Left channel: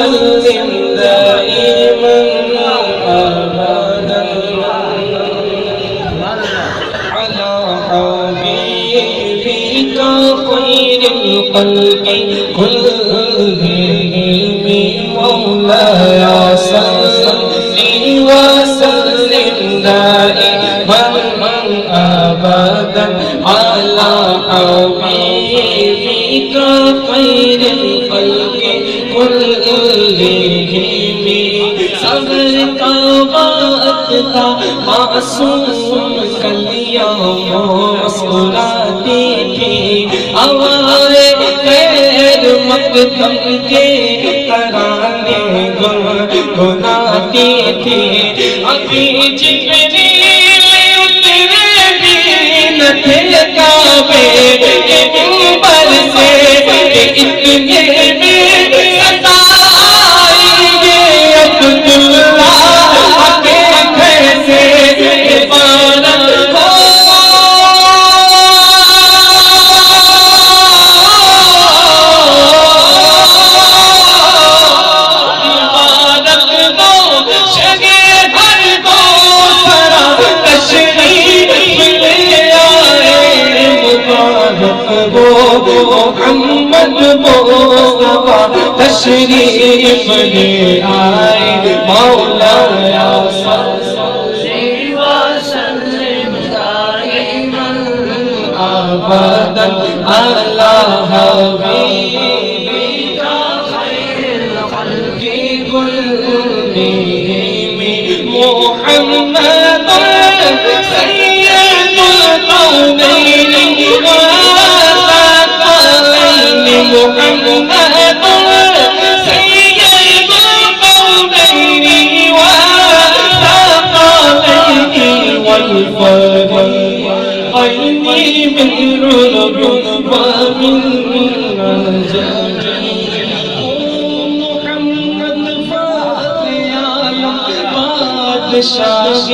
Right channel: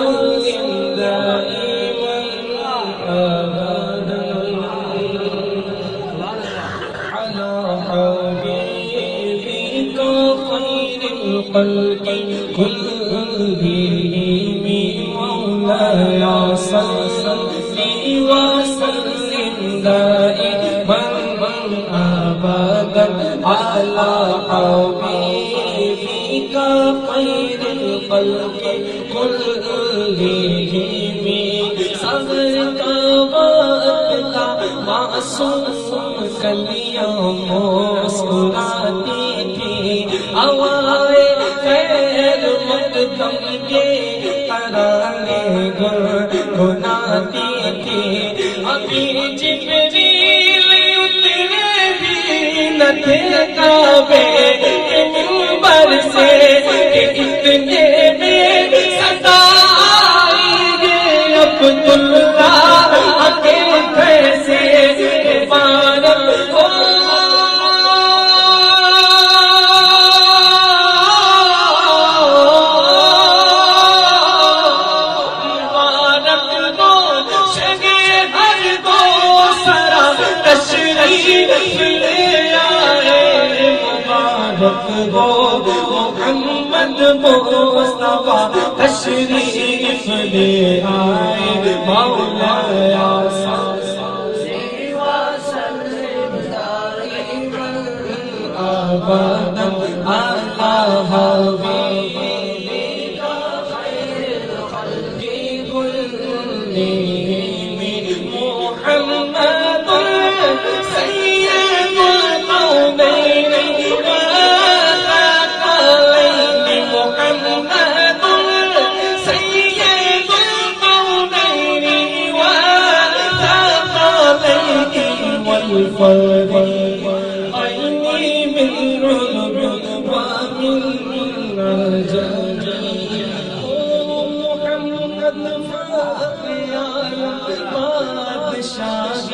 وسلم دائما أبدا على حبيبك خير الخلق كلهم مولاي صل وسلم دائما أبدا على حبيبك خير الخلق كلهم صبر کا وقت تھا معصوم کلیاں مسکراتی تھی ہوائیں خیر مقدم کے ترانے گنگناتی تھی ابھی جبریل اترے بھی نہ تھے کعبے کے منبر سے کہ اتنے میں صدا آئی ہے عبداللہ کے گھر سے عبارت ہو محمد مصطفیٰ تشریف لے آئے مولاي صل وسلم دائما أبدا على حبيبك خير الخلق كلهم محمد سيد القومين محمد سيد القومين والثقلين والفريقين من رعب ومن نجاة محمد فاطر بادشاہ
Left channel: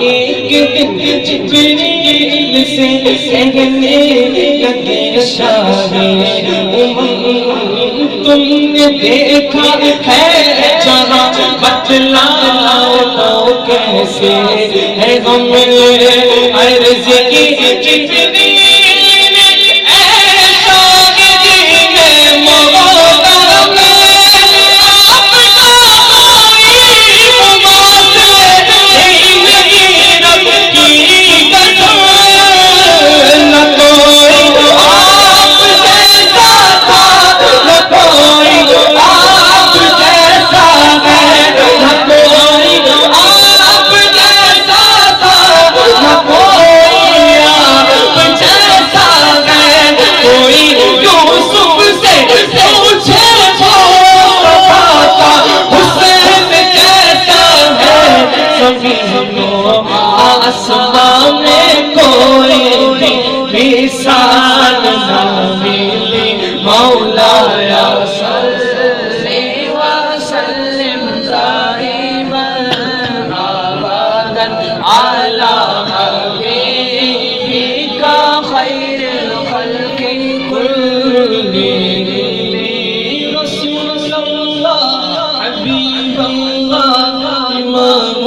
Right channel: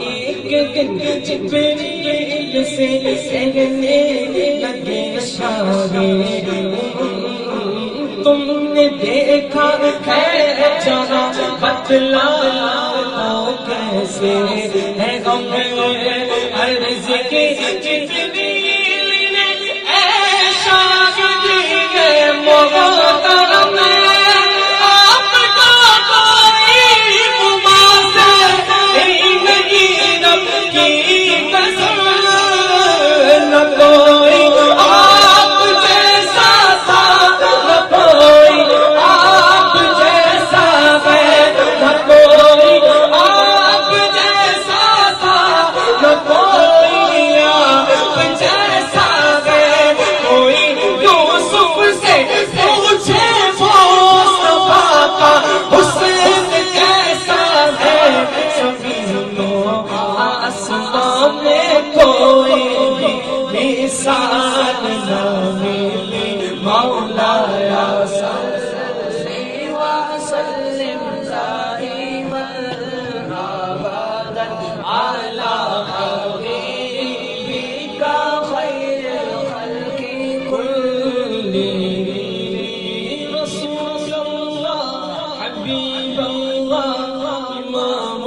ایک دن جبریل سے کہنے لگے شاہ تم نے دیکھا ہے جہاں بتلاؤ تو کیسے ہے غم عرض کی جبریل نے اے شاہ جی نے آسمان میں کوئی مثال نہ ملی مولاي صل وسلم دائما أبدا على حبيبك خير الخلق كلهم رسول الله حبيب الله إمام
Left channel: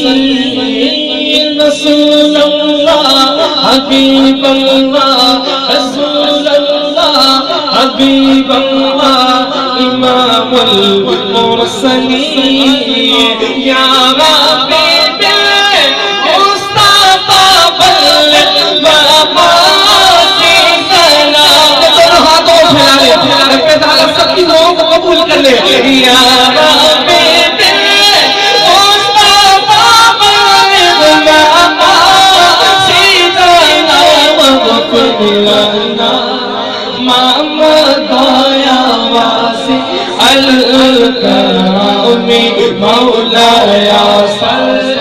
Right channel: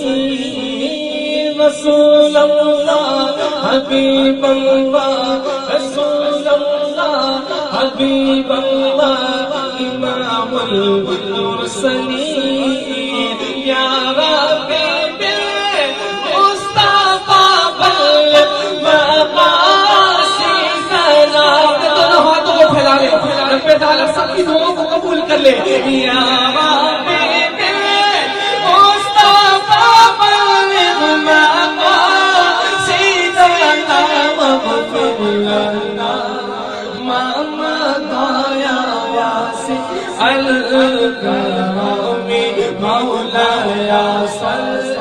المرسلين رسول الله حبيب الله رسول الله حبيب الله إمام المرسلين يا ربي بالمصطفى بلغ مقاصدنا دونوں ہاتھوں کو پھیلا لے رب تعالیٰ سب کی دعاؤں کو قبول کر لے یا ربی الكرام مولاي صل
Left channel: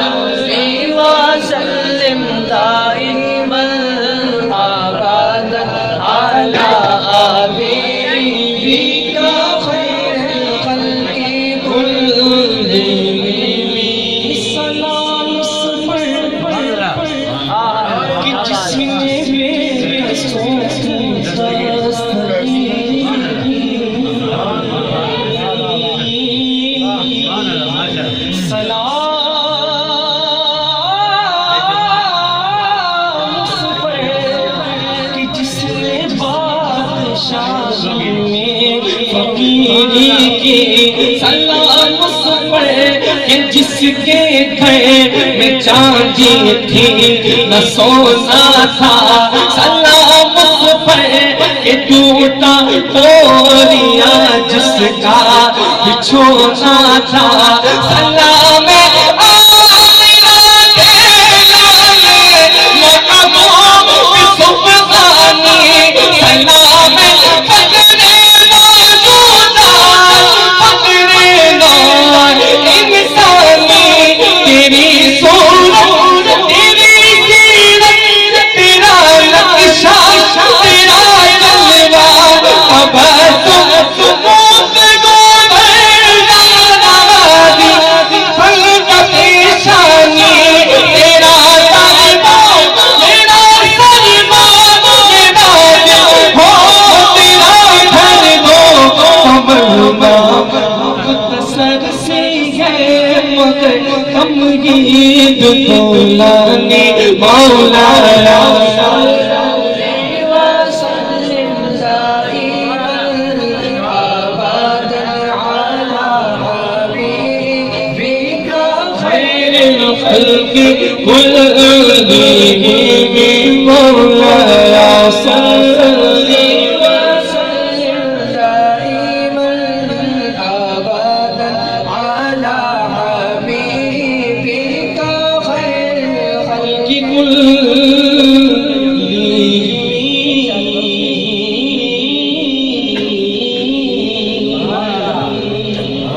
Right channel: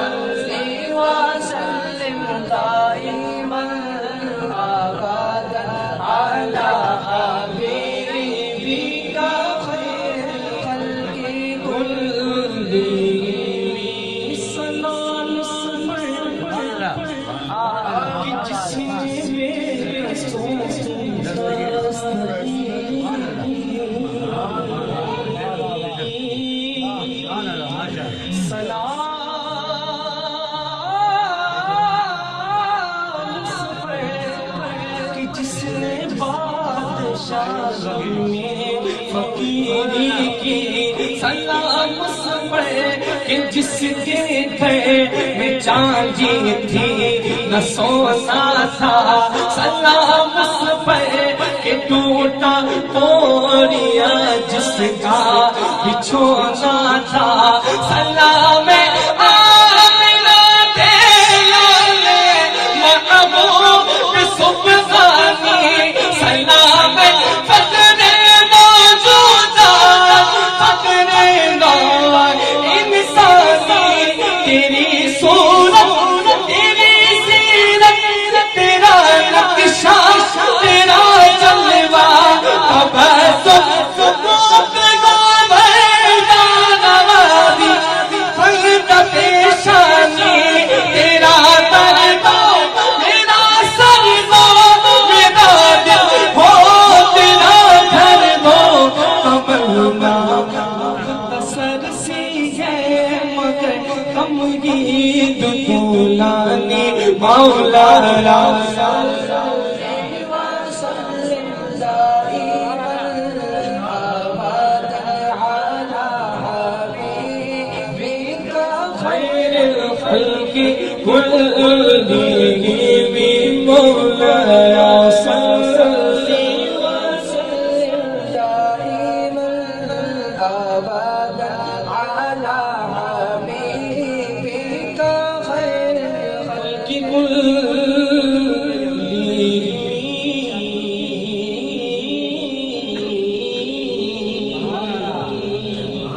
وسلم دائما أبدا على حبيبك خير الخلق سلام اس پر کہ جس نے بادشاہی میں فقیری کی، سلام اس پر کہ جس کے گھر میں چاندی تھی نہ سونا تھا، سلام اس پر کہ ٹوٹا پوریا جس کا بچھونا تھا، سلام آمنہ کے لالے محبوب کی سبحانی، سلام فخر موجودہ فخر نوع انسانی، تیری صورت تیری سیرت تیرا نقشہ تیرا جلوہ، اب تم ثبوت گوبردان آبادی خلقت شانی، تیرا دربہ میرا سرما میرا دل ہو تیرا گھر دو کمرما، مختصر سی ہے مگر تمہید طولانی، مولانا خلق كلهم مولاي صل